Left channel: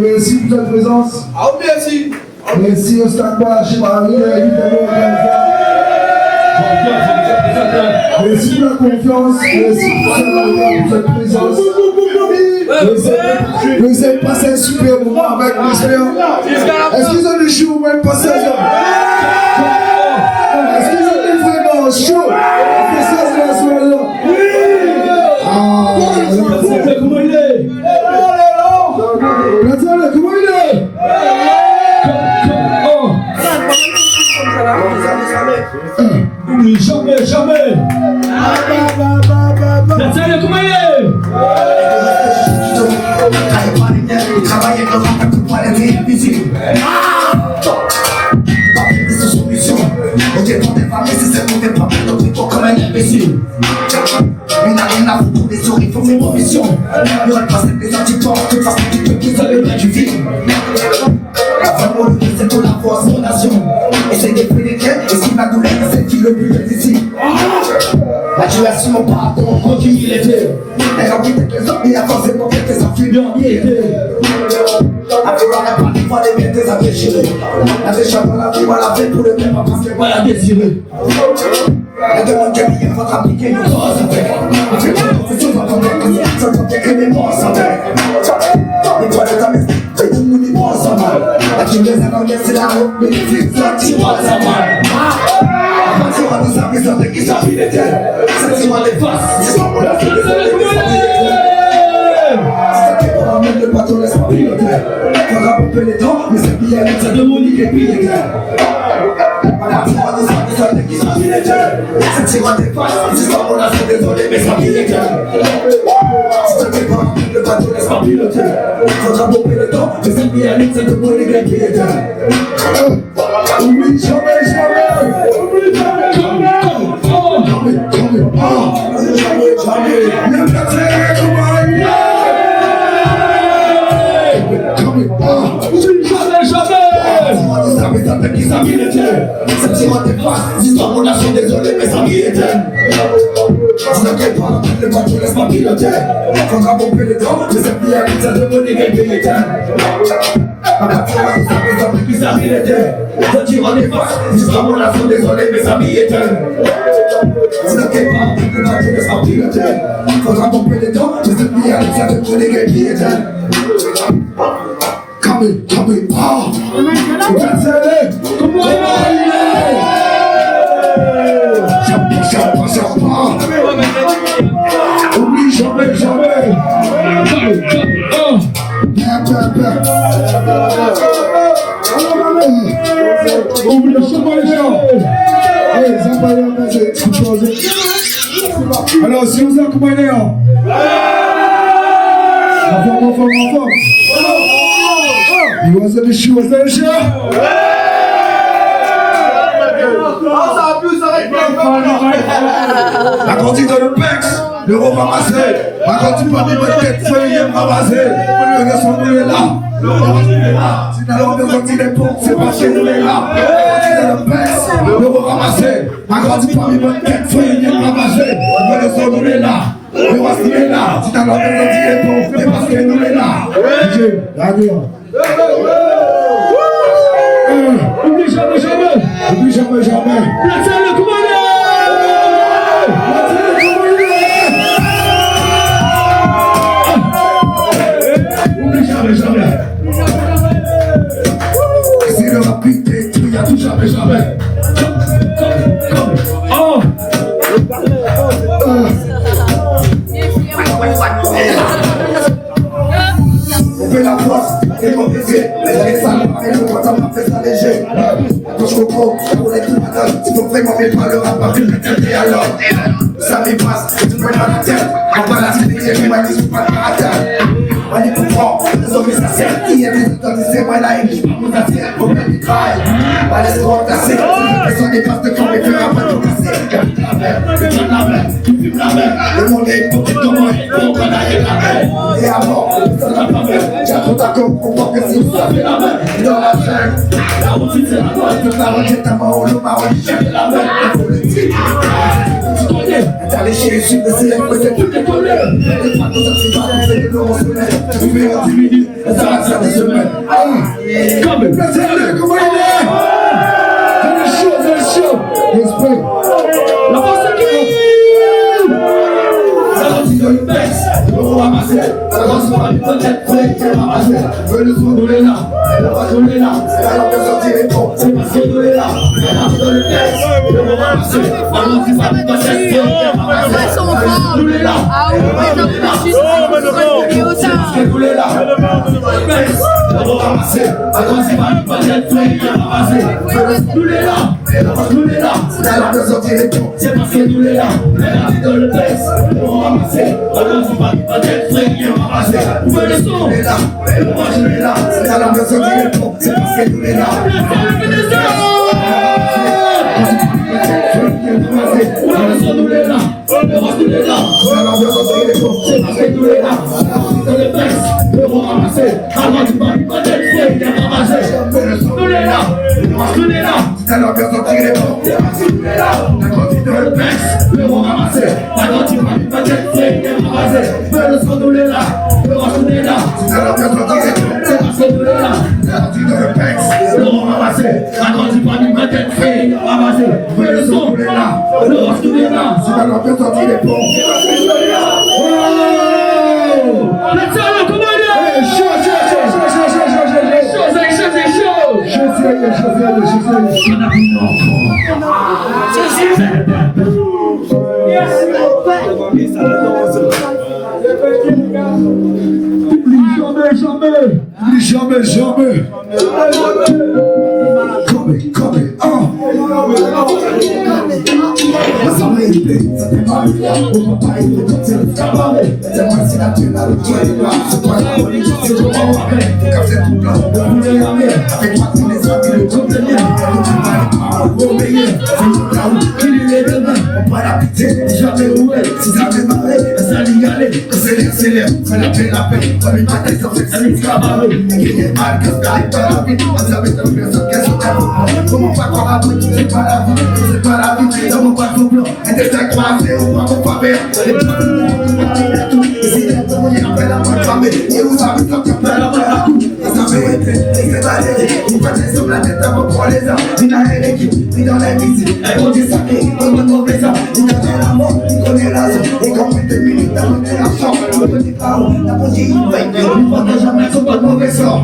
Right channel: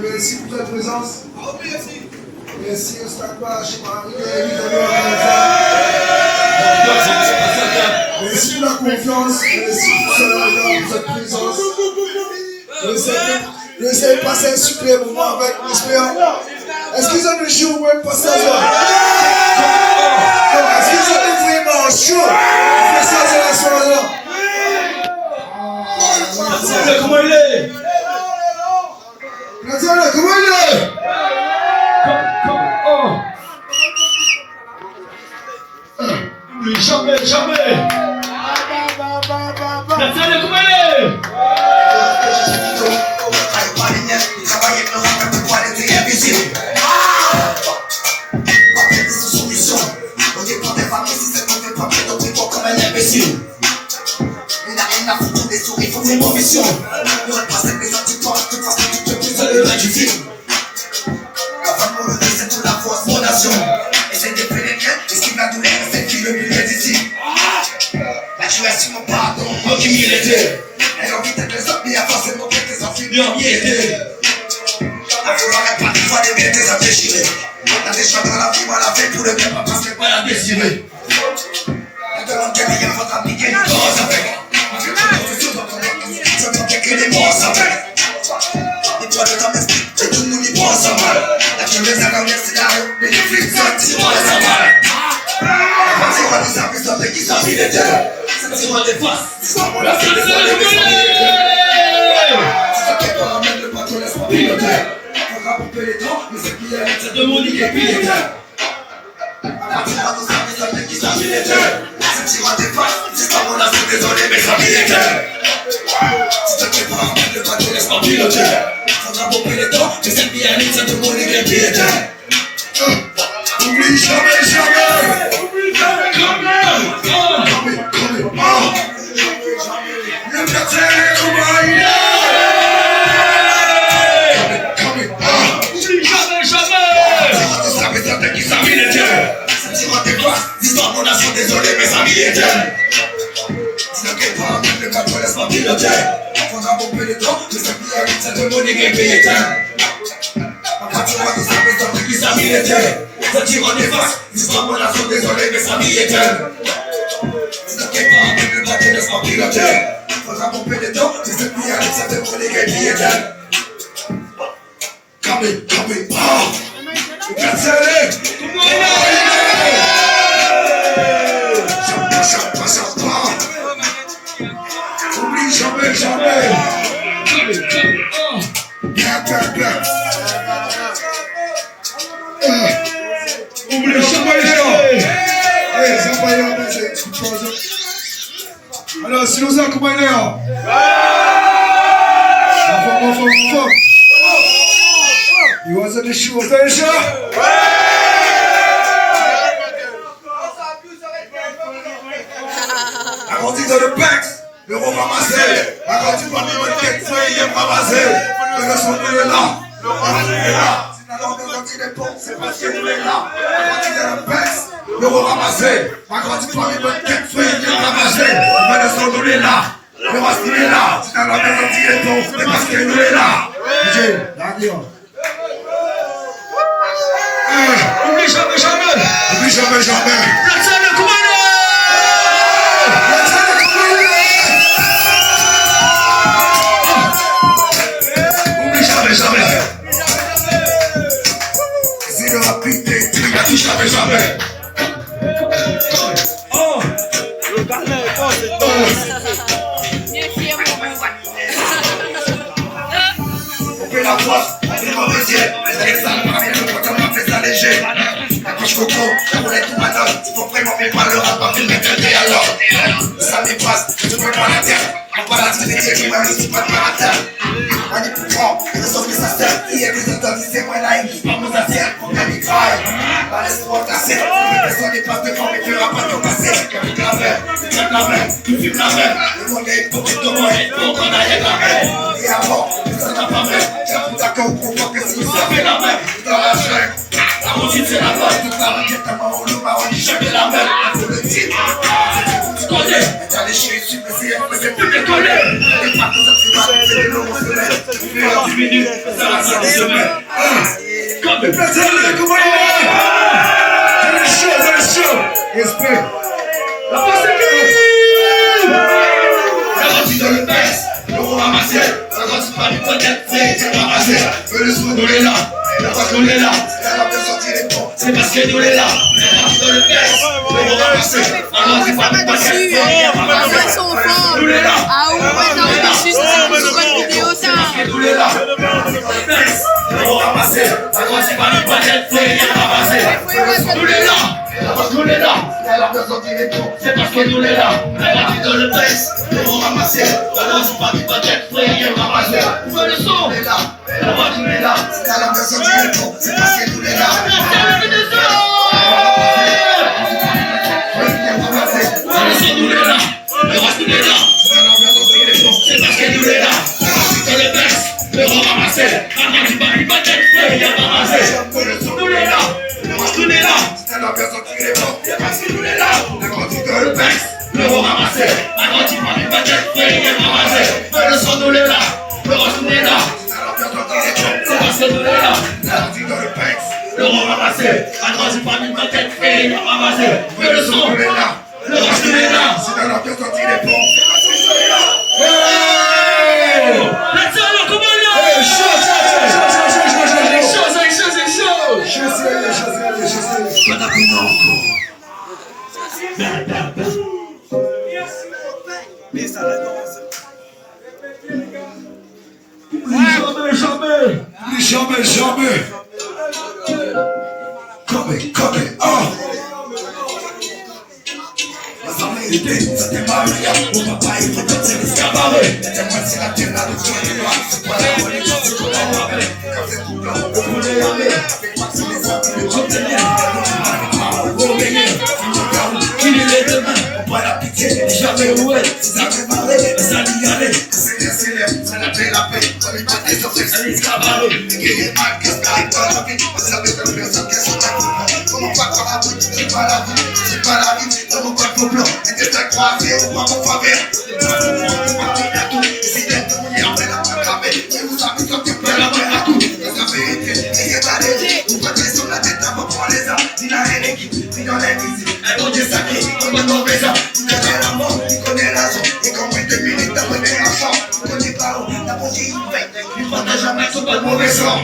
Merci pour votre présence. Ah, merci. Merci au Stade Bois, chez Marie, merci pour la confiance, merci pour cette présence. Vous essayez de passer un super moment avec l'espère. Est-ce qu'ils ont des jours où ils passent ça? Est-ce qu'ils ont des vraiment chaud? On fait ça, c'est la soirée. Ah, comment il est? Comment il est? Oublie jamais, jamais. Nathalie, comment il est? Il travaille avec le rap, un peu de qualité invisible. Pas de sans solution. On dépend des femmes, mais c'est celle qu'on dépend de notre époque comme un imbécile. Il n'a rien à foutre des souris, il faut ses provisions. Il n'y aurait pas avec les anticorps, toute façon, tu peux plus aller loin du film. La femme pour le c'est toute la force, mon nation. Essaye de pénétrer, esquive la douleur, c'est qui le mieux d'ici. La duration, mon pardon, mon humilité. Ayant envie d'être les hommes, mais avant, c'est mon père, tes infirmiers. À vouloir réparer, il fallait bien tes déchirés. La décharge dans la vie, moi la veille pour le bien, pas parce que moi la désirer. On demande que les gars vont appliquer nos corps avec. On fait pas de profession, on va pas ça ne fait que les morts avec. Les droits de ta messe, c'est tout le monde y prend ça mal. La qui les a ramenés, c'est la route, mais les flics, ça tire pas ça mal. À partir de nous appeler, ça fait qu'ils s'appuient les terres. Ça tire des faces, c'est ça pour la fête, c'est les même le bateau laisse pas piloter. Faudra pomper les dents, mais c'est qu'il y a une tête de Monique et puis les terres. À partir de nous appeler, ça fait qu'ils s'appuient les terres. Ça tire des faces, c'est pas mon affaire, désolé, mais ça pille les terres. Si tu te prépares, le bateau laisse pas piloter. Faudra pomper les dents, mais c'est qu'il y a une tête de Monique et puis les terres. Oublie jamais, jamais. Oublie jamais, jamais. Le quartier, comment il est? Oublie jamais, jamais. Ça fait qu'ils s'habillent les dieux. Ça tire des faces, l'histoire mon nation, désolé, mes amis étaient. Tu n'inquiète pas, le bateau laisse pas piloter. Faudra pomper les dents, mais c'est qu'il y a une tête de Monique et puis les terres. À partir de ça fait qu'ils s'habillent les dieux. Ça tire des faces, l'histoire mon nation, désolé, mes amis étaient. Tu n'inquiète pas, le bateau laisse pas piloter. Faudra pomper les dents, mais c'est qu'il y a une tête de Monique et puis les terres. Coming, Cancel comment il est? Oublie jamais, jamais. Oublie jamais. Alors, si nous accompagnons, en You was in the shoe, was that a show? La grandi dans le Pex, l'euro ramassé. La grandi parmi votre tête, feuille ramassé. Le son nous est là, le roi est là. Si t'as l'ordre de sortir des pompes, c'est parce que nous est là. La grandi dans le Pex, l'euro ramassé. La grandi parmi votre tête, feuille ramassé. Le son nous est là. Le roi est là. Si t'as l'ordre de sortir des pompes, c'est parce que nous est là. DJ, radio. Oublie jamais, jamais. Oublie jamais, jamais. Nathalie, comment il est? Oublie jamais, jamais. Si le rapide est il a dit jamais, jamais. Oh. On fait la voix. C'est mauvais yeux, mais avec ça, on ramène le quand on m'a fait ça léger. Accroche coco, pour les tout madame, il faut vraiment bien pas le rap, pas vu mettre un thé à l'ordre. Ça m'épasse, tu peux pas la tête, en bas la tête, tu m'as mis, tu peux pas la tête. On y comprend, les hommes ça sert, il y a des auteurs, c'est moi là, ils parlent aux assiettes, pour bien ils craillent. Bah laisse-moi tasser, personne n'est pas de quand les plus rapaces ont passé. Le truc la même, le truc la même, le truc la même. Le monde est hypocrite comme moi, pour qu'on aille la même. Et avant, personne n'a pas même, j'ai tout d'accord pour voir que si ça fait la même. Dans la chaîne, la routine c'est la bonne, toute la routine, ta main au loup, ma routine, jamais la même. Faut le titre, tu connais, t'as les suis blessé, c'est plus décollé. Les pas comme ça, c'est pas comme c'est on se met. Ça fait en 10 minutes, ça va, ça se met. Comme Placez-le, comment il est? C'est le show. Respect. la passe Ça rentre dans le texte, l'euro ramassé. Ça rentre par du peut-être prêt, c'est ramassé. Le son, nous l'est là, la voix, nous l'est là. Elle a bien sorti les ponts, c'est parce que nous l'est là. Ça rentre dans le texte, l'euro ramassé. Ça rentre par du peut-être prêt, c'est ramassé. Nous l'est là, nous l'est là. Nous l'est là. L'euro ramassé, ça rentre par du peut-être prêt, c'est ramassé. Nous l'est là. Nous l'est là, elle a bien sorti les ponts, c'est parce que nous l'est là. Elle a dit dans le texte, l'euro ramassé. Alors c'est pas du peut-être frère, il a ramassé. Où est le son? Nous l'est là, nous l'est là. Elle a bien sorti les ponts, c'est parce que nous l'est là. Nous l'est là, nous l'est là. Elle a bien sorti les ponts, c'est parce que nous l'est là. Dans le texte, l'euro ramassé. Alors c'est pas du peut-être frère, il a ramassé. Nous l'est là, nous l'est là. Elle a bien sorti les ponts, c'est parce que nous l'est là. La quantité de texte, l'euro ramassé. La quantité du peut-être frère, il a ramassé. Mais le son nous l'est là, l'euro nous l'est là. Elle a bien sorti les ponts, c'est parce que nous l'est là. La quantité de texte, l'euro ramassé. La quantité du peut-être frère, il a ramassé. Mais le son nous l'est là, l'euro nous l'est là. Elle a bien sorti les ponts, c'est parce que nous l'est là. Let's go, come on now! Hey, show. Jamais. Come, La vérité, c'était Maria. Mon papa, il faut c'est l'escabaré. Laissez-moi si la tienne a le toit et là. C'est pas la religion, c'est comment on rappelle. Quand c'est tout blanc, le poulet à mer. Avec moi, c'est les hommes, le conteneur. Au meilleur, c'est mon chaos. Il est les deux mains, on voit la pitié. Jamais où elle, si ça fait marrer. Ça n'y allait, quand c'est bien célèbre. C'est la paix. On est pas des sur c'est l'escabaré. Et qu'il y ait mal, qu'est-ce qui arrive dans la vie. On savait que personne qu'est-ce qu'on a. Comment pas croire à vous, c'est pas la vie. C'est pas la vie, dans mon coiffe blanc. Et t'es un coiffé ou pas mon faveur. Les places de tout, et si t'es de mon après la proclamée. Et vous savez quand tu peux la main à tout. Ça fait été, et c'est valéré. Une fois que sur la tête, on va prendre les armes. Il a une équipe, il dans la musique. Un bon Dieu sacré, on est mauvais gens. Il a la mort, il connaît la zone. Et comme il te milite, t'as mené la chance. On ne dit pas où, t'as posé une veille. Lui, pas de jamais, c'est pas de mauvais sang.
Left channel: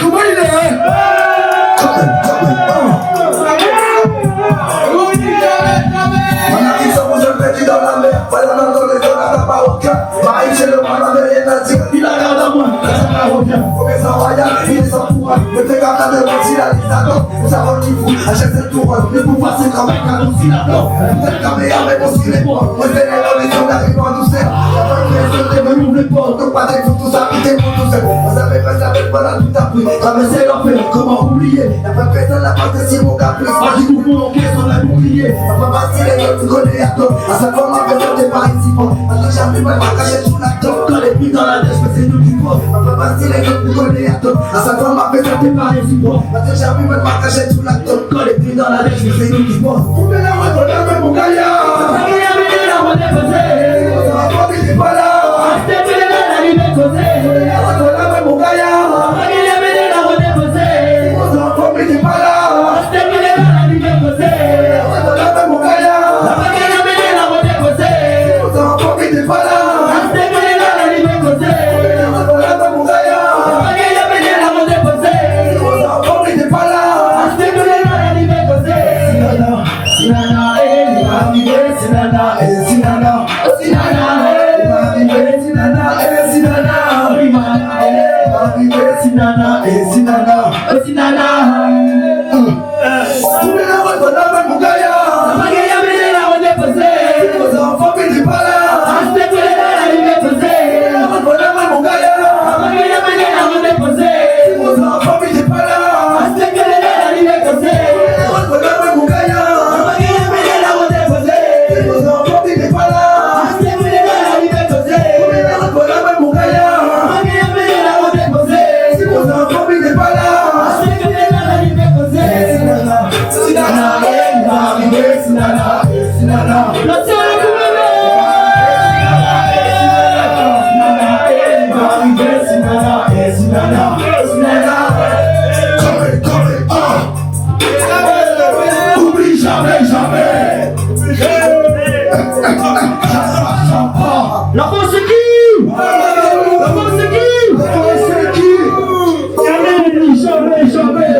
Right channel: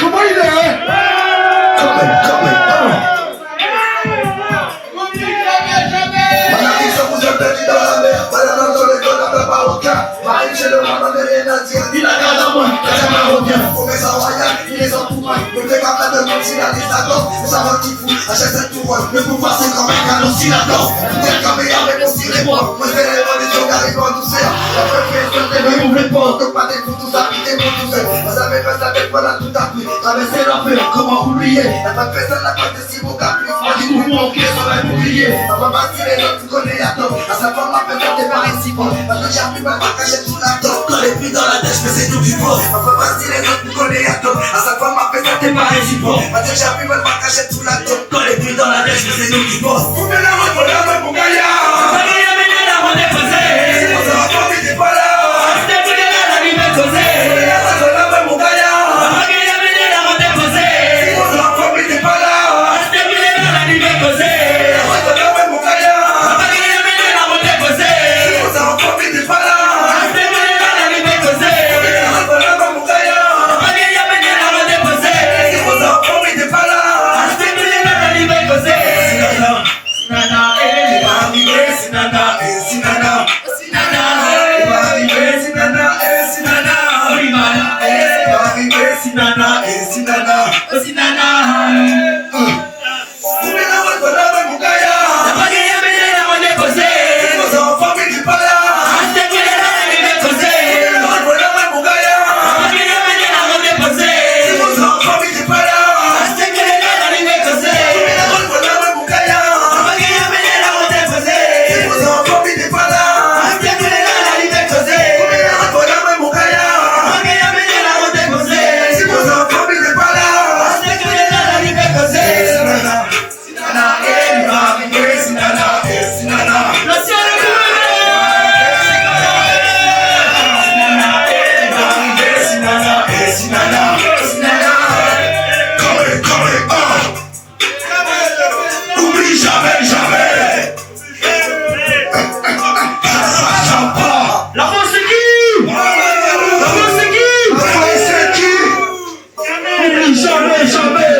Comment il est? Perdu dans la mer, voilà dans les gars, n'a pas aucun. Marie, j'ai le mal, n'avait rien à dire. Il a garde à moi, t'as jamais revient. Faut que ça royal, il est en pouvoir. Le pégame là de comme si la liste attend. Ça va qui fout, achète cette tour. Le pouvoir c'est comme un canon si l'attend. T'es le caméra, mais bon, si les points. Moi, je vais les voir, les gens arrivent en douceur. La fin fait seul, t'es venu ouvrir le port. Donc, pas des coups, tout ça, piqué pour tout seul. On savait pas, ça fait pas là, tout appris. Traverser l'enfer, comment oublier. La fin de personne, la part de si mon caprice. Moi, j'ai coupé mon pied, ça va m'oublier. Ça va partir les autres, tu connais à toi. À sa femme, ma personne, t'es pas ici, bon. Parce que j'arrive à ma cacher sous la tête. Quand les pluies dans la tête, mais c'est nous qui faut. Ma femme, partir les autres, tu connais à toi. À sa femme, ma personne, t'es pas ici, bon. Parce que j'arrive à ma cacher sous la tête. Quand les pluies dans la tête, mais c'est nous qui faut. Vous venez la main, voilà, mon gars, ya. Ça y est, mais la main est posée. On s'en va pas, mais t'es pas là. C'était plus les gars, la vie est posée. La main, mon gars, ya. Ça y est, mais la main est posée. On s'en va pas, mais t'es pas là. C'était plus les gars, la vie est posée. La main, mon gars, ya. La France c'est qui? La France c'est qui? La France c'est qui? Jamais, jamais.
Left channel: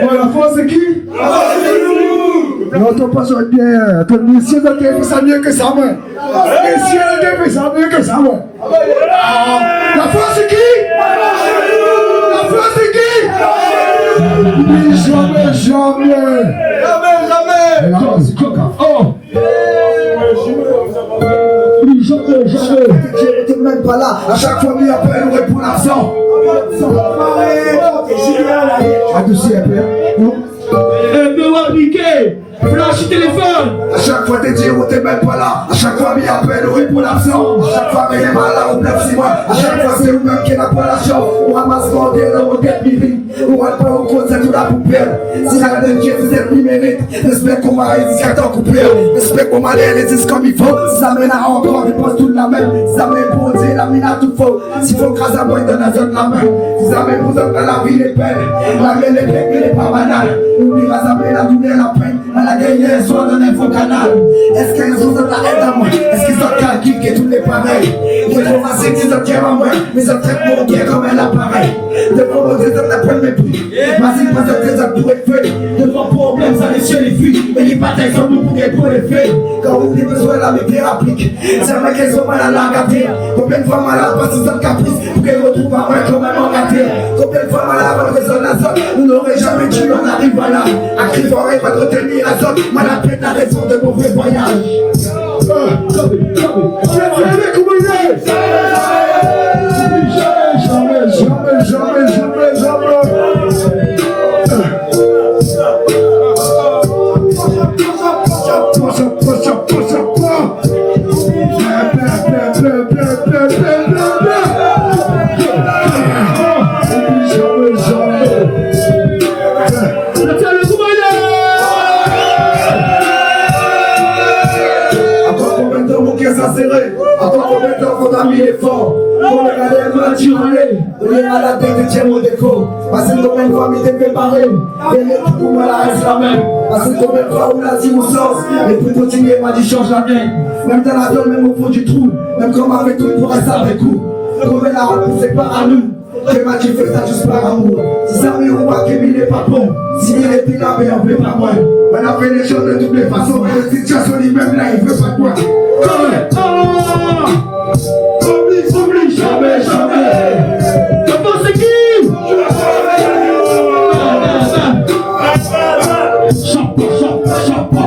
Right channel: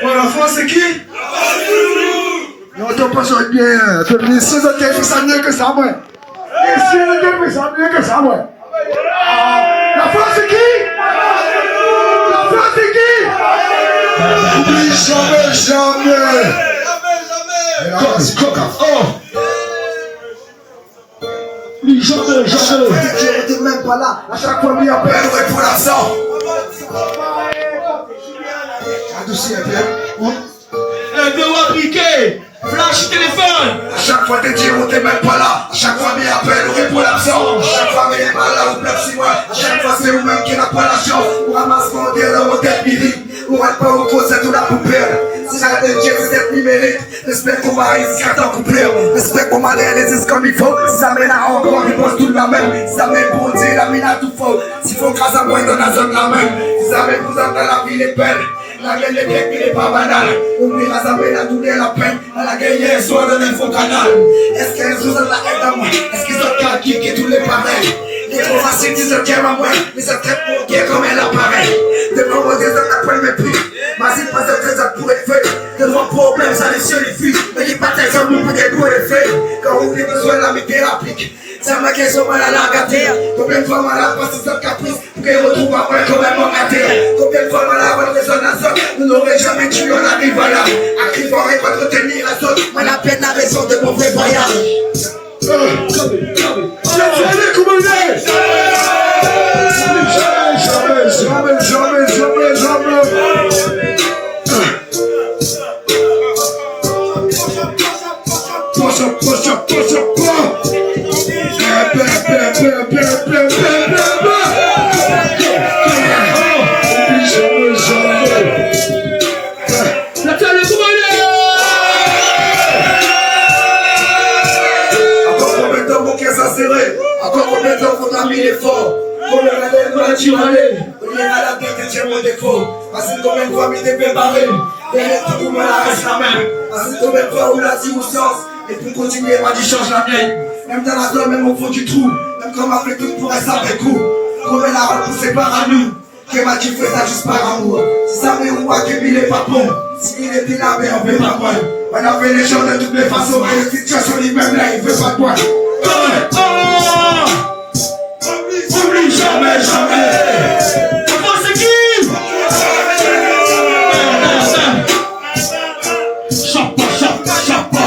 Ouais, la France c'est qui? Non, t'as pas joué bien. T'as mis 6 ans de fait ça mieux que ça, moi. Et si elle était fait ça mieux que ça, moi. La France c'est qui? La France c'est qui? Oublie jamais, jamais. Et la France c'est coca. Oh! Oublie jamais, jamais. Qui était même pas là. À chaque fois, il appelle, on répond l'absent. Adouci un peu. Un bureau appliqué. Flash téléphone. À chaque fois, t'es dire, t'es même pas là. À chaque fois, il appelle, on répond l'absent. À chaque fois, il est mal là, on pleure 6 mois. À chaque fois, c'est vous-même qui n'a pas la chance. On ramasse mon Dieu dans mon tête miri. On reste pas au concert, tout la poupée. Si j'ai de Dieu, c'est cette numérique. J'espère qu'on va réussir à t'en couper. J'espère qu'on va réaliser comme il faut. Si ça mène à encore, il pense tout la même. Si ça mène pour dire, la mine a tout faux. S'il faut grâce à moi, il donne la zone la même. Si ça mène pour entendre la vie, les peines. La gueule, les grecs, mais les pas banales. Oubliera, ça mène à doubler la peine. À la guerre, hier soir, dans l'info canal. Est-ce qu'ils ont de la haine à moi? Est-ce qu'ils ont calqué que tous les pareils? Les gros racistes disent qu'ils à moi. Mais ça traite mon guerre comme un appareil. Devant moi, des hommes n'apprennent mes prix. Ma c'est pas un trésor pour être fait. Devant problème, ça les cieux les fuit. Mais les batailles sont beaucoup des pour les faits. Quand on a besoin de la métier applique. C'est moi qui sont mal à la gâter. Combien de fois malade parce qu'ils ont caprice. Pour qu'ils retrouvent après quand même en gâter. Combien de fois malade votre résonance. Nous n'aurons jamais tué, on arrive à là. À crier fort et pas te retenir à zone. Moi la peine la raison de mon vrai voyage. Encore combien de temps faudra mis l'effort? Combien de temps tu râler? Combien à la tête de tiens mon défaut? Parce que combien de fois m'y t'es préparé? Et les trucs où me la reste la même. Parce que combien de fois où la circonstance? Et pour continuer, m'a dit change la mienne. Même dans la zone, même au fond du trou. Même comme avec tout pour rester avec coup. Combien la route nous sépare à nous? Que m'a dit fais ça juste par amour. Si ça me ou pas que mille est pas bon. Si mille est pile mais on fait pas moins. On a fait les choses de toutes les façons. Mais les situations lui-même là, il veut pas de moi. Oublie jamais, jamais. La France c'est qui? Chapa, chapa, chapa.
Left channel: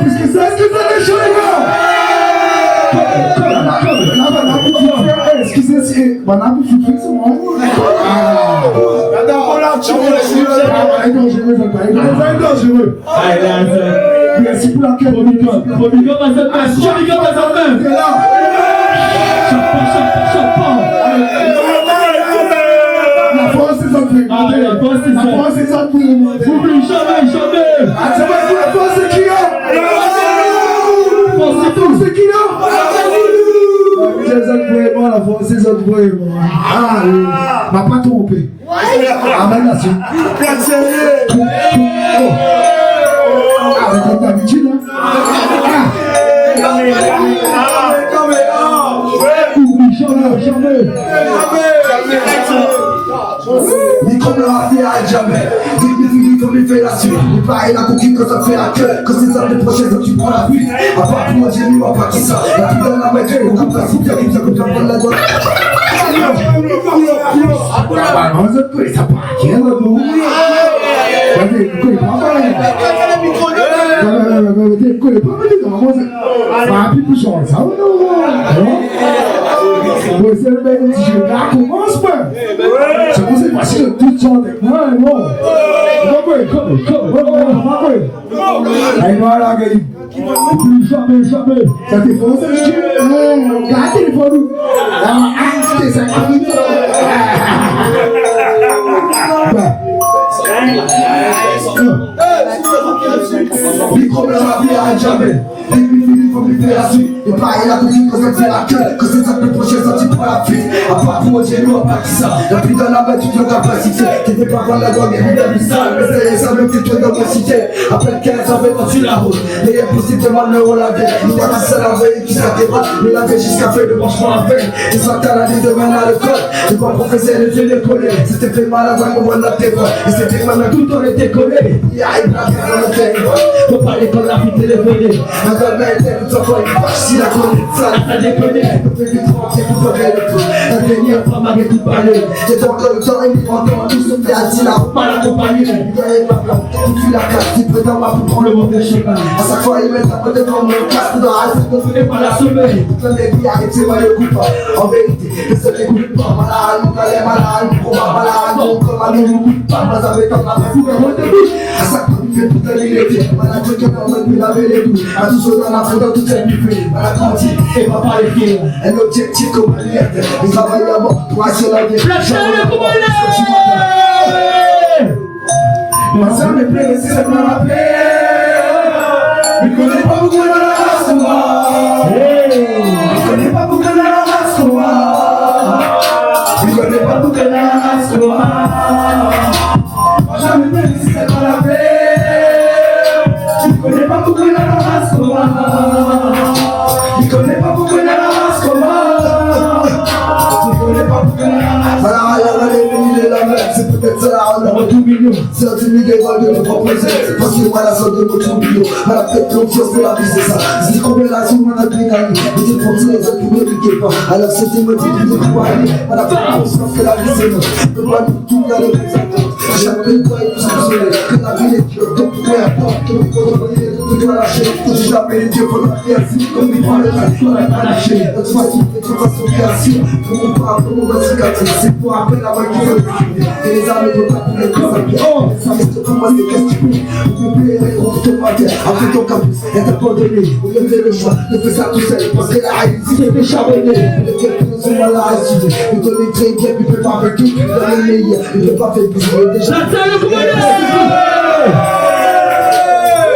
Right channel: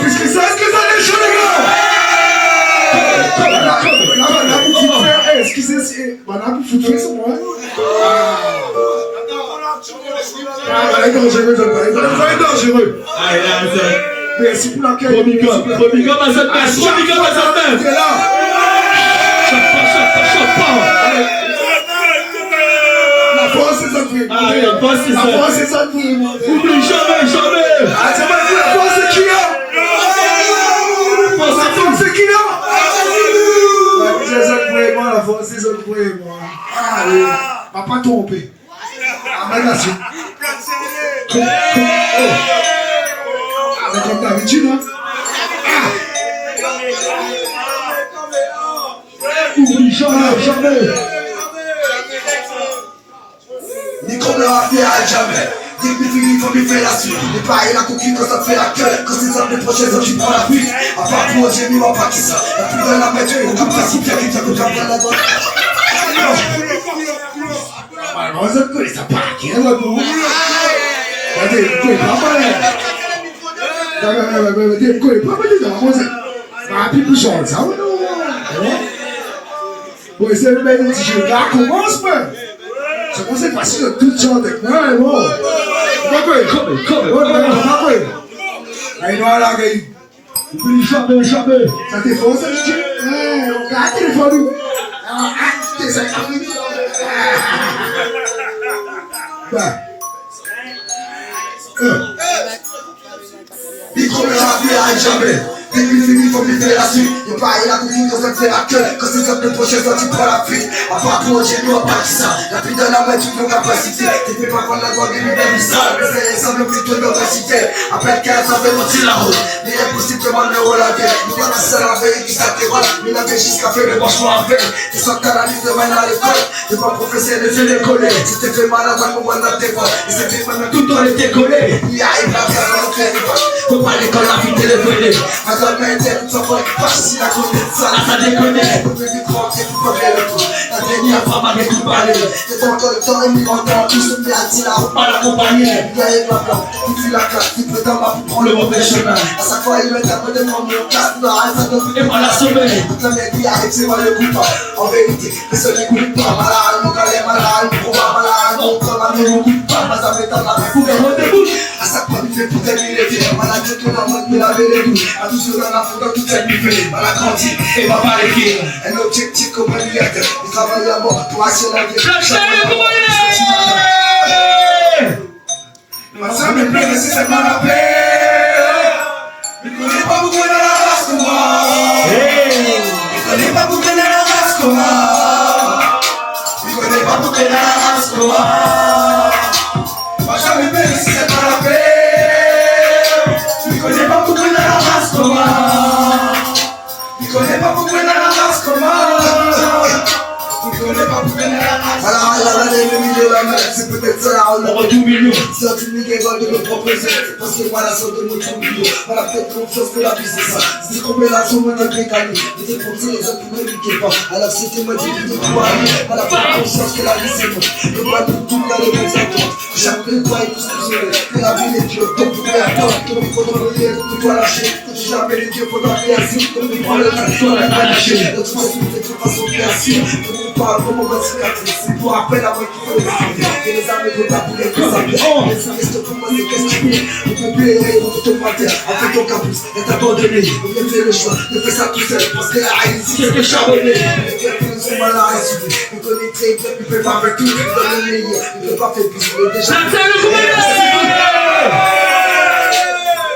Plus que ça, est-ce que ça est chaud, les gars? Excusez, on a pu foutre sur moi. Il est dangereux. Merci pour l'accueil. Promigo à cette main. T'es là. Chapa. La force c'est ça. La force c'est ça. Oublie jamais. Ah, c'est pas pour la force c'est qui là? La force c'est qui là? La force c'est ça pour moi. Ah, m'a pas trompé. Améliation. Ah, comme d'habitude, hein? Oublie jamais. Ni comme le raté à jamais. Dis que tu comme il fait la suite. Ni pareil la coquille quand ça te fait la queue. Quand c'est ça les prochaines autres tu prends la fuite. À part pour j'ai mis ma paquet ça. La plus de la métier. Au cap principe qui vient comme j'apprends la bonne. On se connaît ça pas. Qui est là pour? Regardez, vous connaissez pas mal. Vous connaissez pas mal. Vous connaissez pas mal. c'est le même DJ. Là, commence, moi. C'est pour ça que facile de tout genre avec moi, bon. Allez, nous allons gagner. Plus jamais. Ça t'est faux, ça, DJ? Regarde le téléphone. T'es 5 minutes. Micro mais jamais. Fini, faut me faire la suite. Et pareil la boutique quand ça te fait la queue. Quand c'est ça le prochain ça tu prends la fuite. À part pour j'ai nous pas qui ça. La putain la main toute nos capacités. Tu fais pas prendre la bonne et bien bizarre. Mais c'est ça même plutôt dans la cité. Après 15 ça fait partir la route. Mais impossible de mal le relaver. Nous va tous à la veille qui s'interroge. Mais la veille jusqu'à faire le branchement à veille. Et ça t'as la ligne de main à l'école. C'est pas professeur les yeux décollés. Si t'es fait mal à ta commande à tes voix. Et c'était même tout on était collé. Il arrive la vie dans le territoire. Faut pas l'école la vie téléphoner. La main était tout en forme, pas si la connaît, ça déconne. Faut faire du tranquille, faut pas faire le coup. La dernière femme avec tout parler. J'ai pas encore le temps, et mi entend tout se bien dit, la route pas l'accompagner. Il y a pas plan, il fuit la classe, il peut dans ma pour prendre le mauvais chemin. À chaque fois, il met un peu de temps, mon casque, dans la salle, il n'est pas la semaine. Toute la vie arrive, c'est moi le coup. En vérité, les seuls qui goûtent pas, malade, mon gars est malade, mon combat malade, mon combat ne nous goûte pas, mais ça fait tant la main pour faire mon début. À chaque fois, il fait pour terminer les vies, malade, je te demande de laver les goûts. À tous ceux dans la photo, tout est buffet, on a grandi et va pas les pieds. Un objectif comme un lièvre, on travaille à mort pour assurer la vie. Ma soeur me plaît, si c'est pas la paix. Je ne connais pas beaucoup dans la race comme moi. Je ne connais pas beaucoup dans la race comme moi. Je ne connais pas beaucoup dans la race comme moi. Ma soeur me plaît, si c'est pas la paix. Je ne connais pas beaucoup dans la race comme moi. Je ne connais pas beaucoup dans la race comme moi. Je ne connais pas beaucoup dans la race. Voilà, l'ennemi de la mer, c'est peut-être ça, on aura tout million. C'est un film qui va de nous proposer. Parce que moi, la sorte de notre million. On a peut-être confiance pour la vie, c'est ça. Si combien la somme, on a bien gagné. Mais t'es pour dire, les autres ne m'écoutaient pas. Alors c'était moi qui te croyais. On a pas conscience que la vie, c'est nous. Que moi, tout dans les bons attentes. Chaque fois, il nous a que la vie est dure. Donc, pour attendre, que nous faut revenir, qu'on doit lâcher. Que jamais les dieux faudra bien sûr. Comme nous prend le temps, on a pas lâché. Notre façon, c'est une façon bien sûr. Comme on parle, comme on va se gâter. C'est pour après la voix qui veut les armer. Et les armes ne vont pas pour les causes. Les armes, c'est pour moi, c'est qu'est-ce que tu fais. On peut plus les on peut te mater. Après ton campus, elle t'a abandonné. On vient faire le choix de faire ça tout seul. Parce que la haine, si c'est que charbonné. Les gars qui nous ont mal à assumer. Ils connaissent très bien, ils peuvent pas faire tout. Dans le meilleur, ils peuvent pas faire plus. Déjà,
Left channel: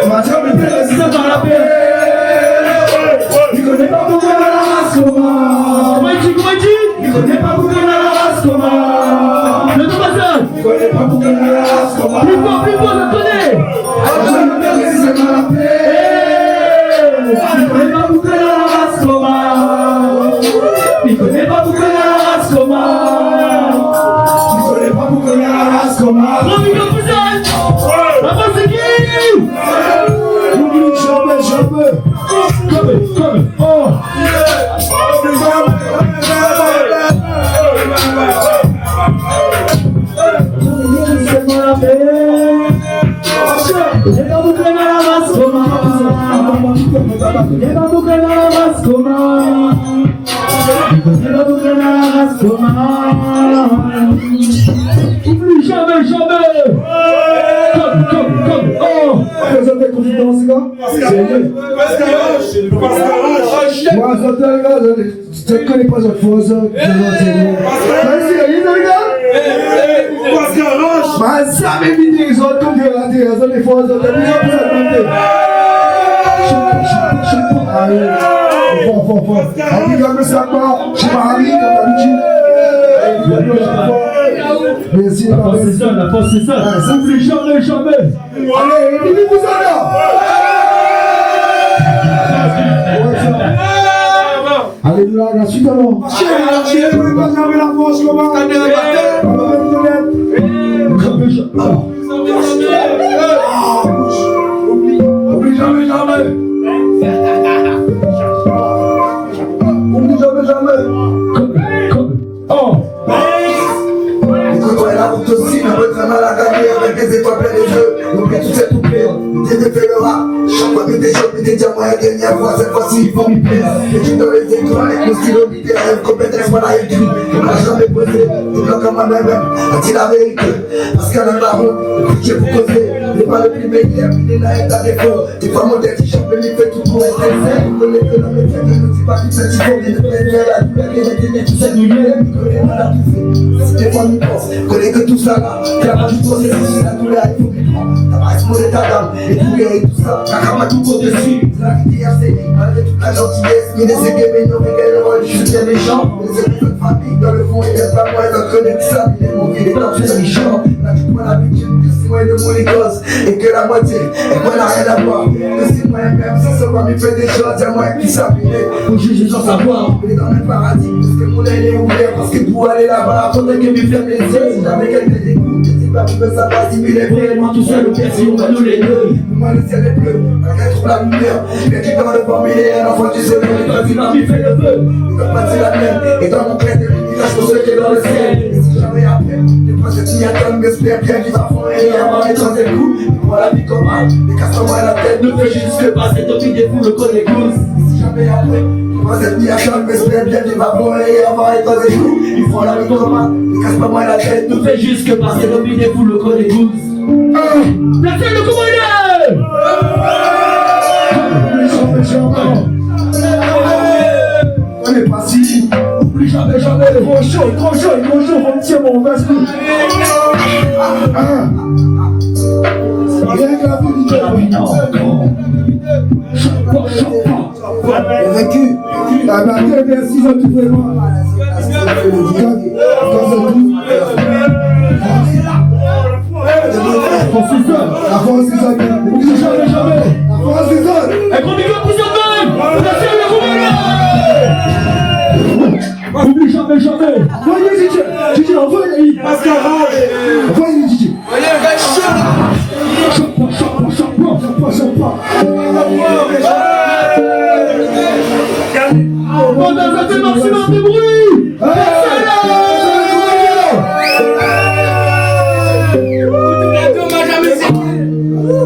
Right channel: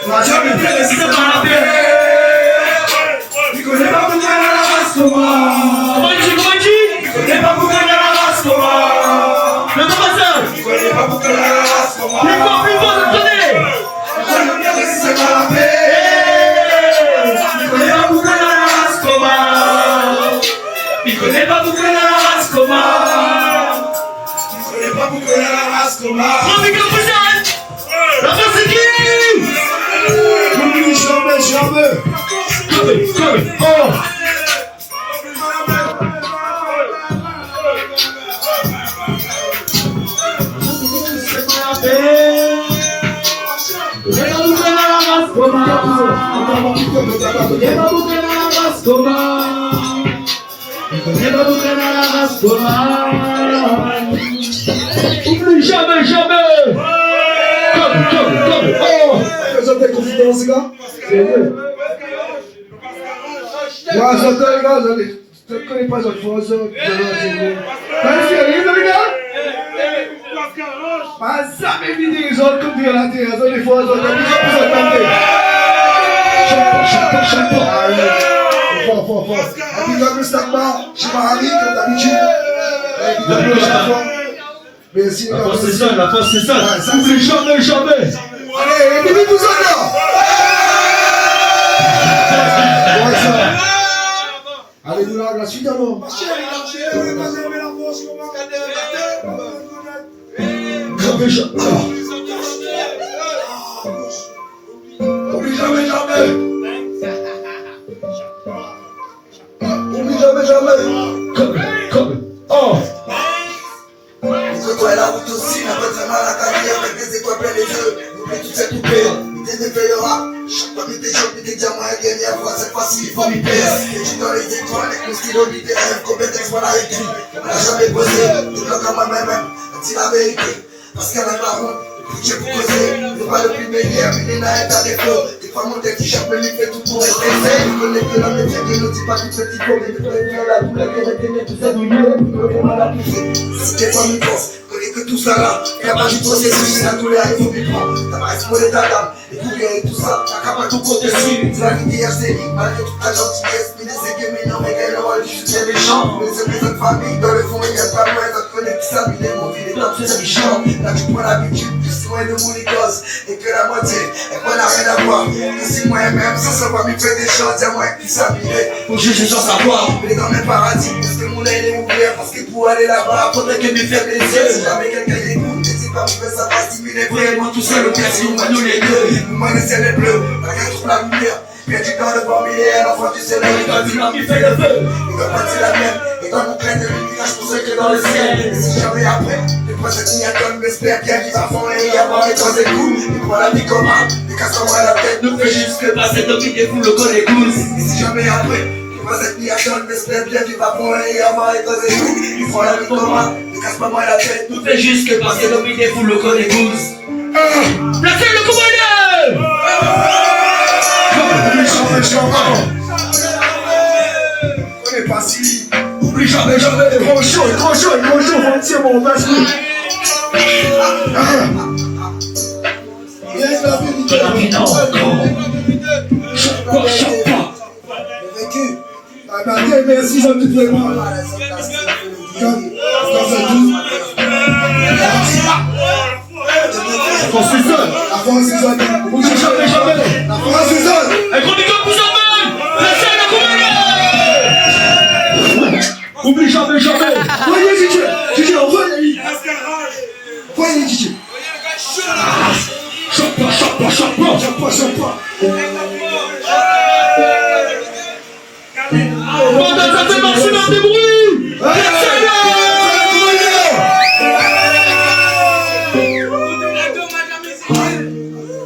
ma jambe est pleine, c'est dans la paix. Il connaît pas beaucoup dans la race comment. Comment il dit Il connaît pas beaucoup dans la race comment. Le passage. Il connaît pas beaucoup dans la race comment. Plus fort, attendez. Ma jambe est pleine, c'est dans la paix. Il connaît pas beaucoup dans la race comment. Il connaît pas beaucoup dans la race comment. Il connaît pas beaucoup dans la race comment. La race c'est qui? N'oublie jamais. Come. Oh. Oublie jamais. Comme. Oh. Faisons des confidences, les gars. Moi, j'entends, les gars, je ne connais pas votre fois, ça. Mas jamais venir les autres comme dire la terre, les fois, les autres, les autres, fort. Appliquez le sac bas, je suis pas ami comme d'habitude. Merci les gars. La force c'est ça. Oublie jamais. Allez, écoutez tout ça là. Alléluia, la suite alors. Oublie jamais. Comme. Oh. Écoute-toi, la route aussi, mais votre mal à gagner avec des étoiles plein les yeux. N'oublie tout c'est tout pire, il t'éveillera. Chaque fois que t'es jeune, t'es diamants à gagner, cette fois-ci il faut m'y plaire. Et tu dans les étoiles, avec mon stylo, des rêves, compétences qu'est-ce qu'on a écrit, on l'a jamais posé, le bloc comme moi-même, a dit la vérité. Parce qu'à la route, le budget pour causer, le pas le plus meilleur, il est à défaut. Des fois mon tête qui chope, mais il fait tout pour être aisé. Il connaît que l'homme est bien, il ne dit pas qu'il fait du faux, il ne fait rien la douleur, il est aimé, tout ça du mieux, il ne peut pas la pousser. Si des fois il pense, connaît que tout ça là, il n'y a pas du processus, il a tous les il faut qu'il prend. T'as pas exposé ta dame, et pour guérir tout ça, t'as qu'à pas tout côté dessus. C'est la vie qui a série, malgré toute la gentillesse, mais les aiguilles, mais non, mais le rôle du soutien méchant. Les épisodes de famille, dans le fond, il y a pas moins d'autres connaît tout ça, il est mauvais, il est top, c'est méchant. Là, tu prends l'habitude, plus loin de mon écose, et que la moitié, et moi, n'a rien à voir. Que si moi-même, sans savoir, m'y fait des choses, c'est moi qui s'habiller. Pour juger sans savoir, il est dans le paradis, parce que mon œil est ouvert, parce que pour aller là-bas, faudrait que m'y ferme les yeux. Si jamais quelqu'un écoute, n'hésite pas, vous faites ça pas, si il est vraiment tout seul, au pire, si on va nous les deux. Moi, le ciel est bleu, la rien trouve la lumière, bien du temps, le formulaire, l'enfant du soleil, et quand il m'y fait le feu, et quand c'est la mienne, et dans mon prêtre, il cache pour ceux qui est dans le ciel. Et si jamais après, les prophètes n'y attendent, mais j'espère bien qu'il va fondre et avoir et dans des coups. Et pour la vie comment, les casse-moi la tête, ne fait juste que passer, dominez-vous le col et gousses. Et si jamais après, les prophètes n'y attendent, mais j'espère bien qu'il va fondre et avoir et dans des coups. Ils font la vie comment, les casse-moi la tête, ne fait juste que passer, dominez-vous le col et gousses. Placez le commandeur! On est pas si. Oublie jamais, jamais. Trop chaud, on tient mon masque. Viens la vérité. Vaincu. La barrière, merci, ça te fait mal. La France is on. Oublie jamais, jamais! La France is on. Un gros big up pour Jean-Paul! Placez le commandeur! Oublie jamais, jamais! Voyez, Didier, envoie les envoie les Didier. Chope pas. Pendant ça fait maximum de bruit!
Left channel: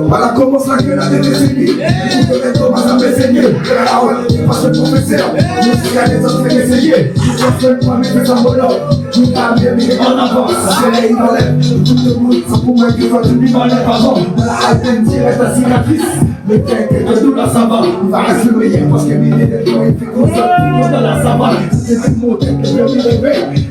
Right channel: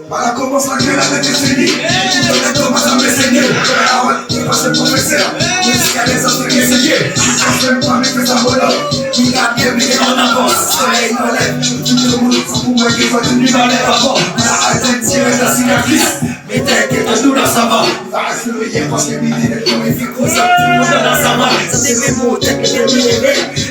Voilà commence la gueule avec les ennemis. Tu donnes un homme à mes seigneurs. Ah ouais, tu passes le professeur. Mais s'il y a des autres qui essayent, tu penses même pas, mais fais ça mollo. Tu l'as bien, mais en avance. Soleil dans l'air, tout le monde, sans pour moi qui va tenir dans l'air avant. La haine tirait ta cicatrice. Mais t'inquiète, nous là ça va. Il va rester le hier parce que mille est le il fait comme ça. Tout le monde là ça va. Ça c'est mes mots, t'inquiète,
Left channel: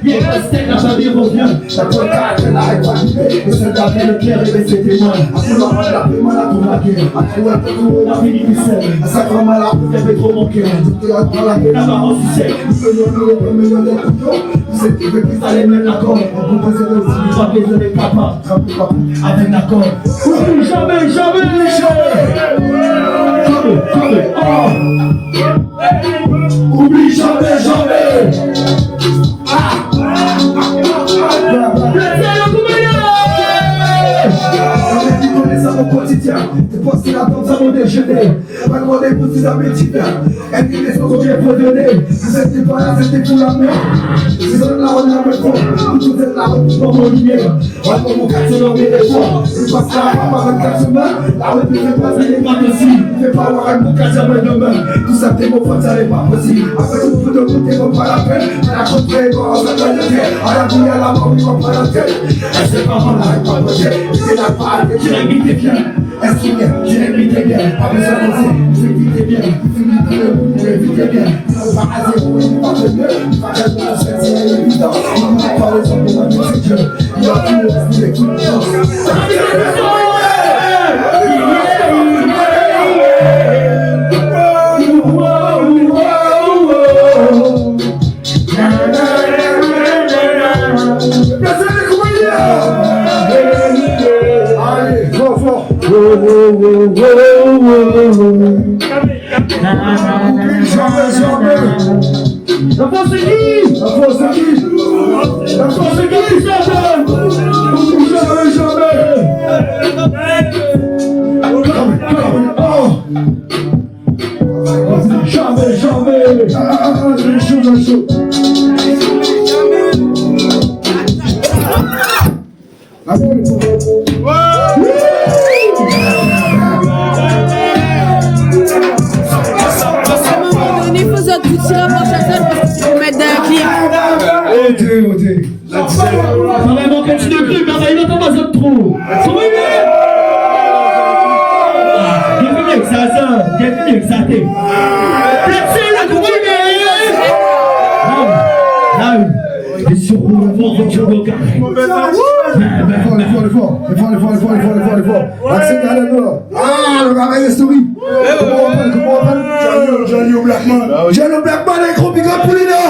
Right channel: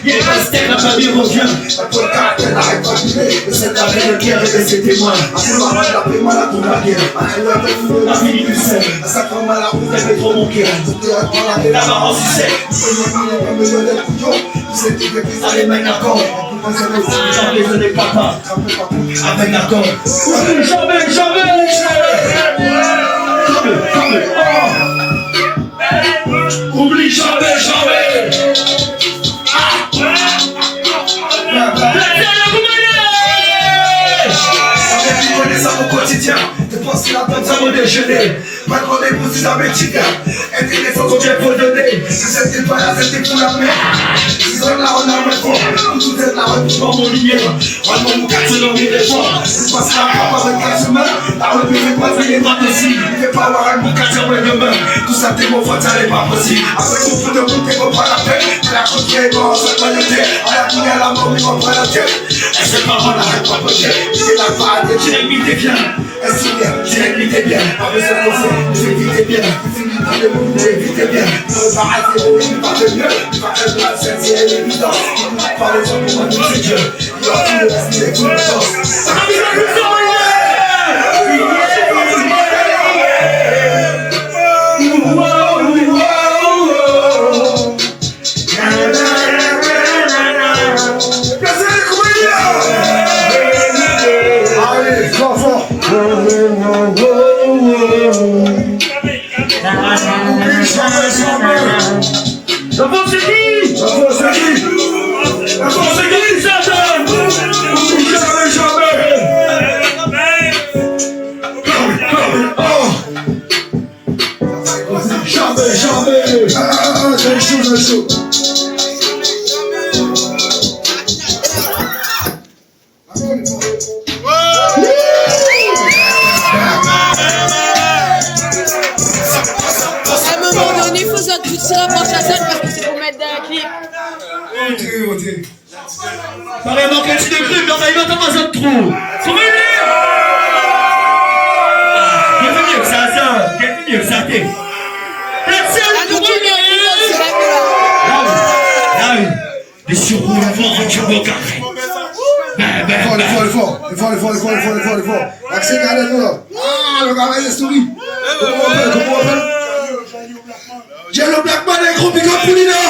il est resté, la famille revient. La bonne carte, elle n'arrête pas de jouer. Mais c'est la veille de guerre et de ses témoins. Après la main, la paix, la pour la guerre. Après la paix, la vie du sel. À sa grand-mère, la route, elle fait trop mon cœur. Tout est à toi, la paix, la maman, si c'est. Nous faisons les couillons. Vous êtes tous les plus à les mains d'accord. On vous pose les yeux, jamais je n'ai pas pas. Avec d'accord. Jamais, jamais! Oublie jamais, jamais! Placez le commandeur! Tu connais ça au quotidien. Tu penses qu'il a pas besoin de déjeuner. Pas de rendez-vous si jamais tu viens. Et puis les photos bien faut donner. Vous êtes pas là, c'était pour la mer. Ils ont là, on a un fond. Vous êtes là, pour mon lignée. On va mon quartier dans les efforts. Je passe la rampe avec la semaine. La route ne fait pas venir pas dessus. Il fait pas avoir un bon quartier après demain. Tout ça, t'es mon faute, ça n'est pas possible. Après tout, faut de vous, t'es pas la tête. Mais la côte est bon, ça va le terre. À la boule, à la mort, il va pas la tête. Et c'est pas bon, arrête pas peut-être. C'est la parade, tu l'imites bien. Est-ce bien, tu l'imites bien. Pas besoin de penser, tu l'imites bien. Tu l'imites bien. Tu vas arrêter, tu vas le mieux. Tu vas le mieux, c'est évident. Il nous parle de ça pour moi, tout c'est Dieu. Il va tout rester avec une chance. La force est qui? La force est qui? La force est qui? Jamais! disait. Vraiment, continue de plus, mais on arrive à ta zone trop. C'est vrai, bienvenue, ça, bienvenue, ça, t'es. Placez le bruit, là, les surroules, je veux carré. Le fort. Accès Canada. Ah, le gars, il est story. Comment on appelle Jello Blackman. Jello Blackman, un gros big up pour Lina.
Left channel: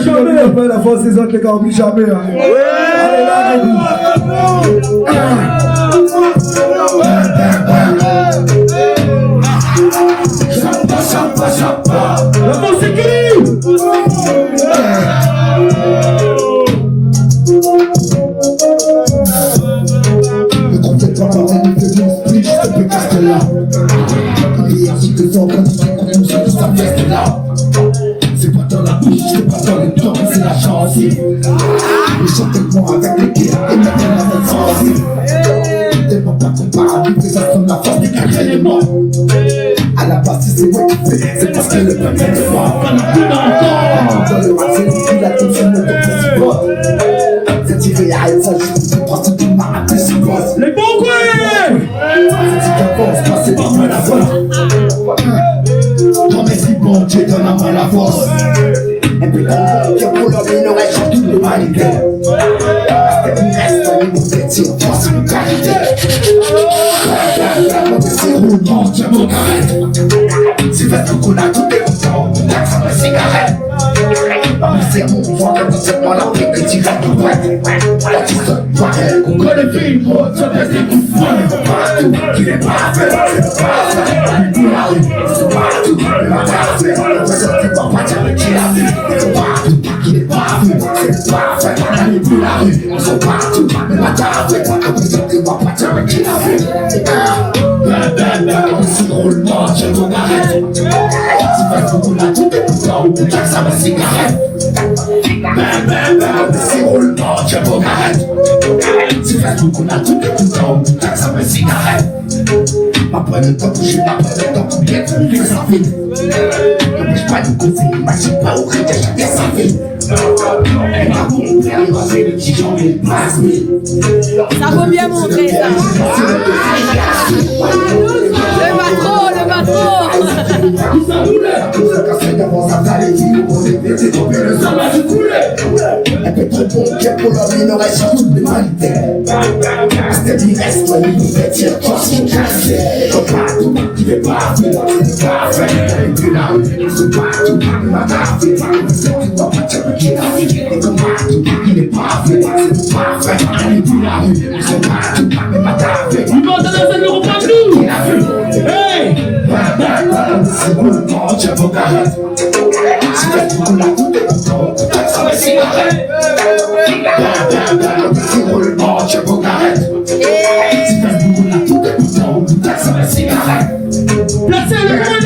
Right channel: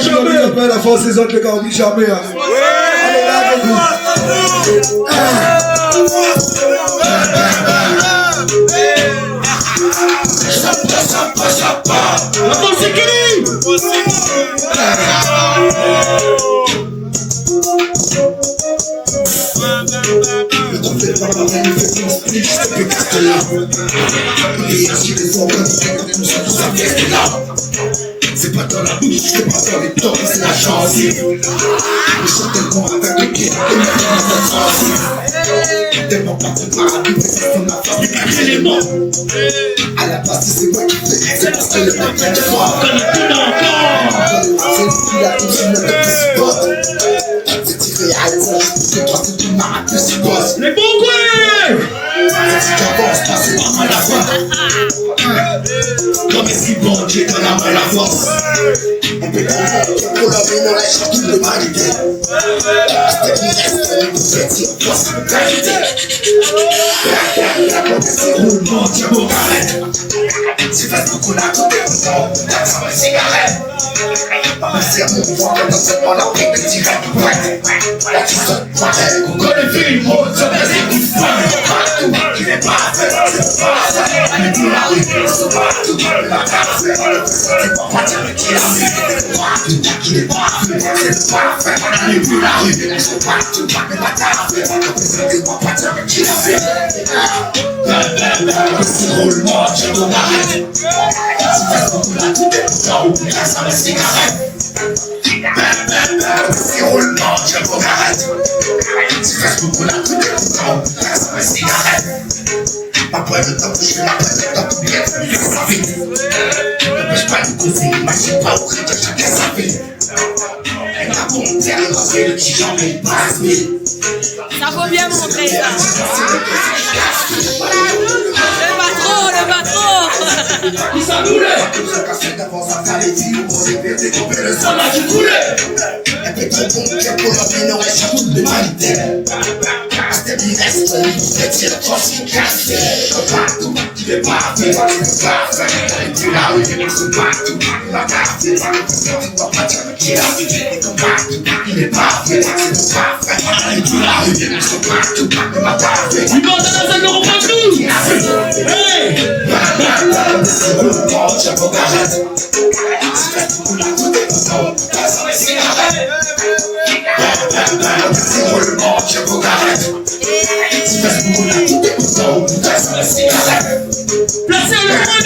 Jamais. La force des autres, les gars, oublie jamais. Allez, là, avec vous. La force, c'est qui? Le trompette par la main, il fait bien split, je te fais Castella. Et ainsi les organes, tout ça, tout ça, c'est là. C'est pas dans la bouche, c'est pas dans les dents, c'est la chance. Je chante tellement avec le pied, et maintenant la main transitive. Tellement pas comparable, mais ça sonne la force du quatre éléments. À la base, si c'est moi qui fais, c'est parce que le peuple est fort. Dans le rap, c'est le pilote, c'est le top qui supporte. C'est tiré à ça, je fais 3 secondes, ma rap, c'est boss. Les bons couilles! Si j'avance, passer par moi la voix. Non mais si bon Dieu donne à moi la force. On peut comprendre que pour l'homme il aurait changé toute l'humanité. C'était qu'il reste un niveau fétiche, force de qualité. C'est roulement, tiens mon carré. Si Facebook on a tout décontent, on taxe à ma cigarette. Dans mes sermons, on voit que dans cette bande après que tu vas tout prêt. Là tu sonnes pareil, on connaît le film, on se met des coups de feu. Partout, qui n'est pas fait, c'est pas fait. On est tout la rue, c'est partout, la café. On fait sortir par partir avec qui la rue. C'est partout, qui n'est pas fait, c'est pas fait. On est tout la rue, ils sont partout, la café. On fait sortir par partir avec qui la rue. C'est roulement, tiens ton arrête. Si Facebook on a tout décontent, on taxe à ma cigarette. C'est roulement, tiens ton arrête. Si Facebook on a tout décontent, on taxe à ma cigarette. Après le temps où je après le temps pour bien trouver sa vie. N'empêche pas de causer, imagine pas au crédit chacun sa vie. Elle m'a compté à l'entrée le petit j'en ai pas 1000. Ça vaut bien montrer ça. Le patron. Qui s'en voulait? Tout ce qu'a fait d'avant ça t'a les filles, on s'est fait découper le sang là qui coulait. Elle fait trop bon, qu'elle pour leur minorer sur toute l'humanité. C'était bien reste, on nous fait tirer force qui casse. Comme partout, qui n'est pas fait, c'est pas fait. Et puis la rue, c'est partout, la café. C'est pas pas dire qui a vu, et comme partout, qui n'est pas fait, c'est pas fait. Et puis la rue, c'est partout, la café. Il va te laisser le repas. Hey! C'est roulement, tiens vos carrettes. Si Facebook on a tout décontent, on taxe à mes cigarettes. C'est roulement, tiens vos carrettes. Si Facebook on a tout décontent, on taxe à mes cigarettes. Placez le bruit!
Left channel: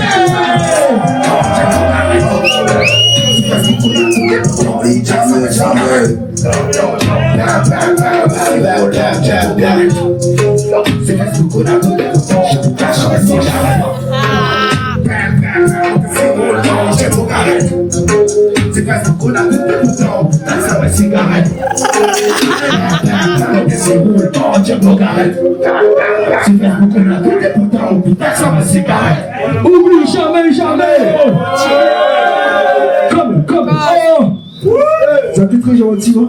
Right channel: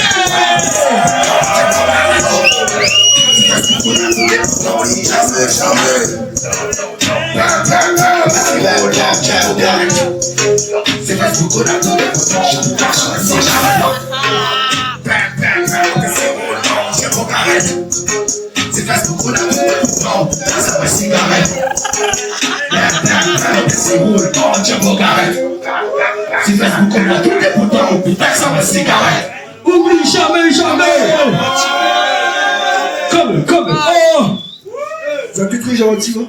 Si Facebook on a tout décontent, on taxe jamais. C'est Facebook on a tout décontent, on taxe à mes cigarettes. C'est Facebook on a tout décontent, taxe à ma cigarette. C'est roulement, tiens vos carrettes. C'est Facebook on a tout décontent, taxe à ma cigarette. Oublie jamais! Comme, oh! Tu as tout pris, gentil, hein?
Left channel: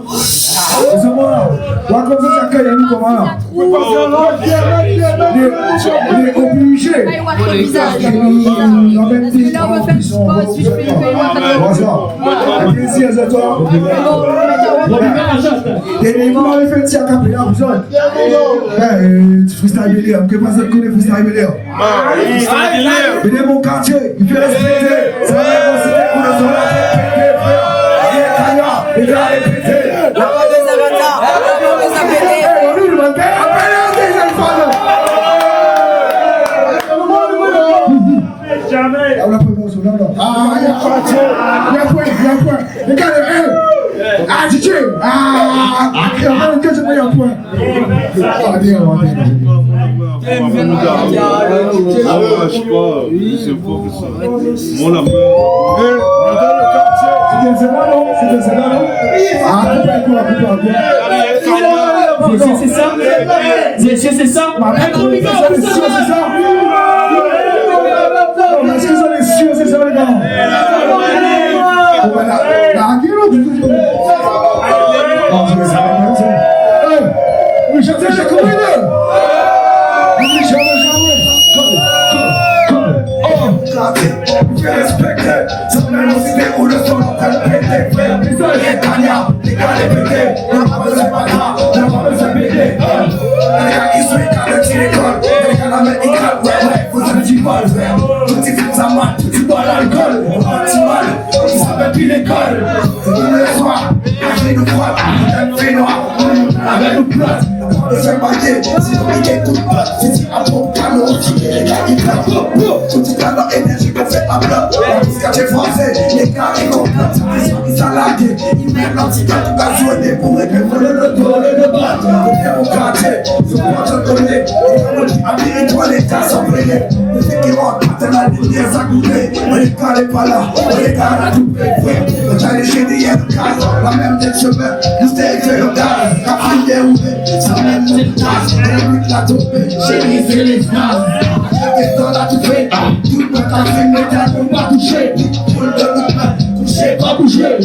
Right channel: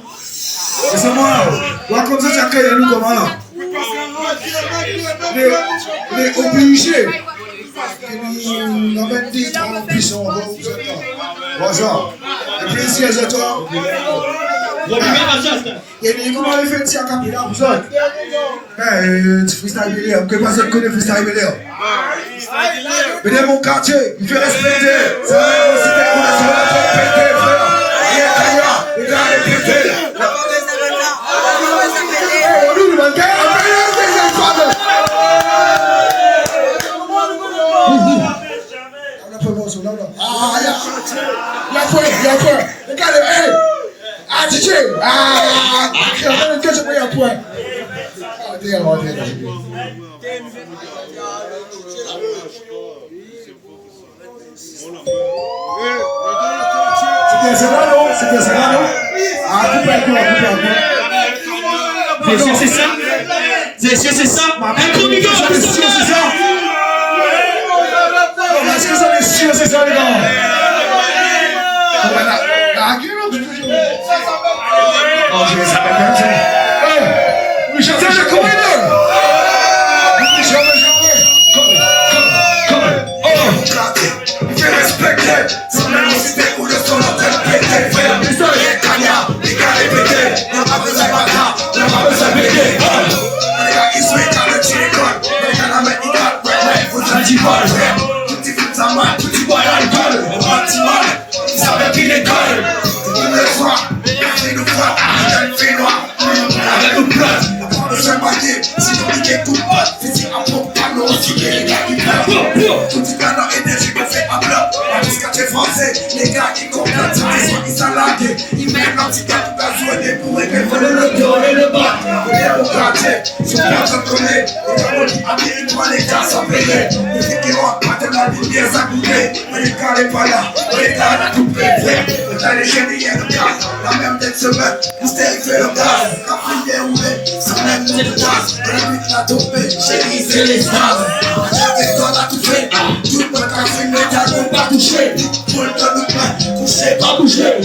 C'est moi là. Là, comme ça, tu accueilles nous comment là? On est obligé. On amène des gens qui sont bonjour. Un plaisir à toi. Et vous m'avez fait tirer à Capilla, vous autres. Tu freestyle Bélé, que personne connaît freestyle Bélé. Mais dans mon quartier, il fait respecter. Ça va être aussi des coups de son pété. Les gars, les pétés. Regardez, ah, DJ! Ah, que je mets un point. Ah, bien, on va bien. Je sais pas, c'est faux que ça. Mon affaire. C'est bien ça là, non? C'est bien ça là, non? Ah, coupez un coup, coupez un coup. Messieurs, c'est ça? Messieurs, c'est ça? Un gros big up, C'est sûr, c'est ça? Non, est-ce que ça est sûr, c'est ça, les gars? La gueule, oh, je vais savoir bien ça. Oui, j'ai combien d'heures? Oui, jamais. Je m'arrête, si on dit écoute pas, physique en pompe, panneau, les gars qui pleurent. Tout est dans leur énergie, me fait à blanc. Jusqu'à chez français, les gars qui comprennent, ils s'enlaguent. Ils mettent l'antidote, tout à jouer pour régler le dos et le bas. Venez au quartier, je suis en train de donner. Les gars qui pour les gars sont payés. Les filles qui rentrent maintenant, les biens à goûter. Mais les gars n'est pas là, les gars à tout préférer. On a les génies de gaz, la même tête semaine, c'était fait le gaz. Quand il est ouvert, ça même de gaz. La nuit l'a topé, chérie, c'est les stars. J'avais dans la tout fait, tout le monde a fait, mais t'as qu'on va toucher. Tout le monde a pas touché, pas bouger.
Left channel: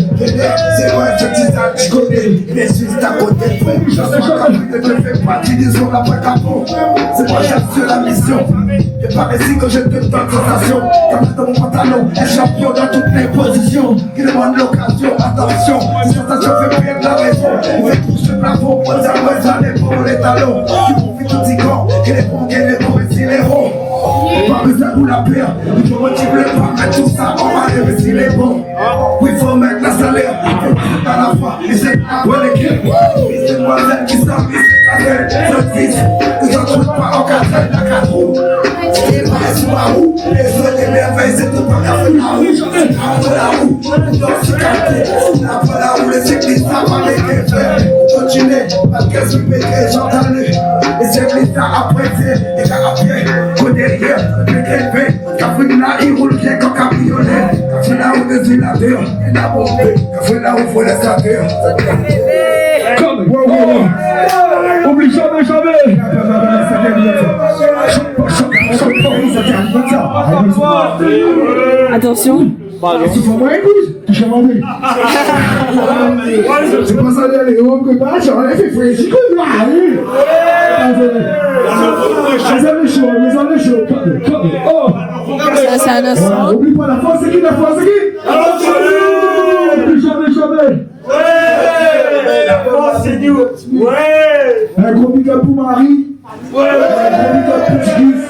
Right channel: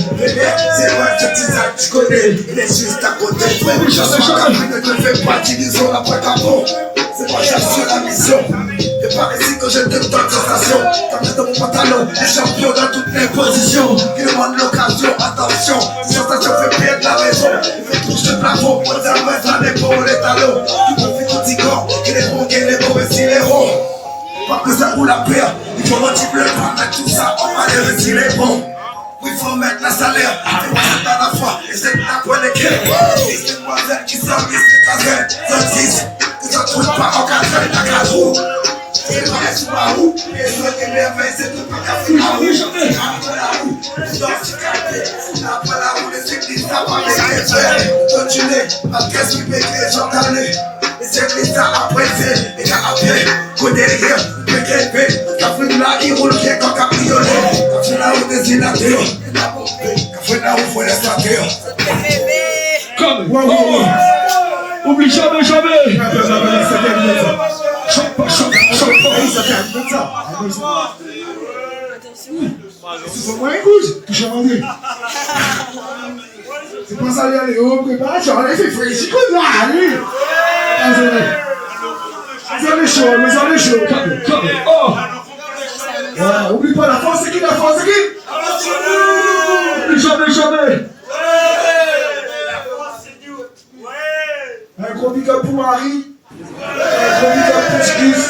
C'est vrai, je dis ça, tu connais, il est juste à côté. Je ne fais pas d'illusion après capot. C'est moi, j'assure la mission. Et par ici que je te donne sensation. Comme dans mon pantalon, un champion dans toutes les positions. Qui demande l'occasion, attention. Une sensation fait perdre la raison. Il fait toucher le plafond, on dit à l'ouest, à l'épaule, les talons. Qui profite tout du corps, qui les bons, qui les mauvais, si les ronds. Pas besoin pour la paix, il faut motiver le temps, mettre tout ça, on va les retirer bon. Il faut mettre la salaire, il faut mettre dans la foi, et c'est après les clés. Et c'est pas celle qui sort, qui s'est cassée, ce fils, ils ont trouvé pas en quatre, la quatre roues. C'est pas les sous-barous, et je les merveilles, c'est tout pas qu'à faire la roue, après la roue, ils ont aussi capté, après la roue, les églises, ça va les faire. Continuez, parce qu'est-ce qui fait que j'entendais, les églises, ça apprécié, les gars à pied. Derrière, PKP, café là, il roule bien comme cabriolet. Café là où des inateurs, il a bombé. Café là où faut les statuer. Comme, wow. Oublie jamais. Attention. C'est pas moi, écoute, touche à mon nez. C'est pas ça, allez, on prépare, j'en ai fait fraîche, comme ça, allez. Vous avez chaud. Oh! Ça, c'est un instant. Oublie pas la force, c'est qui? Oublie jamais. Un gros big up pour Marie. Un gros big up pour Tigis.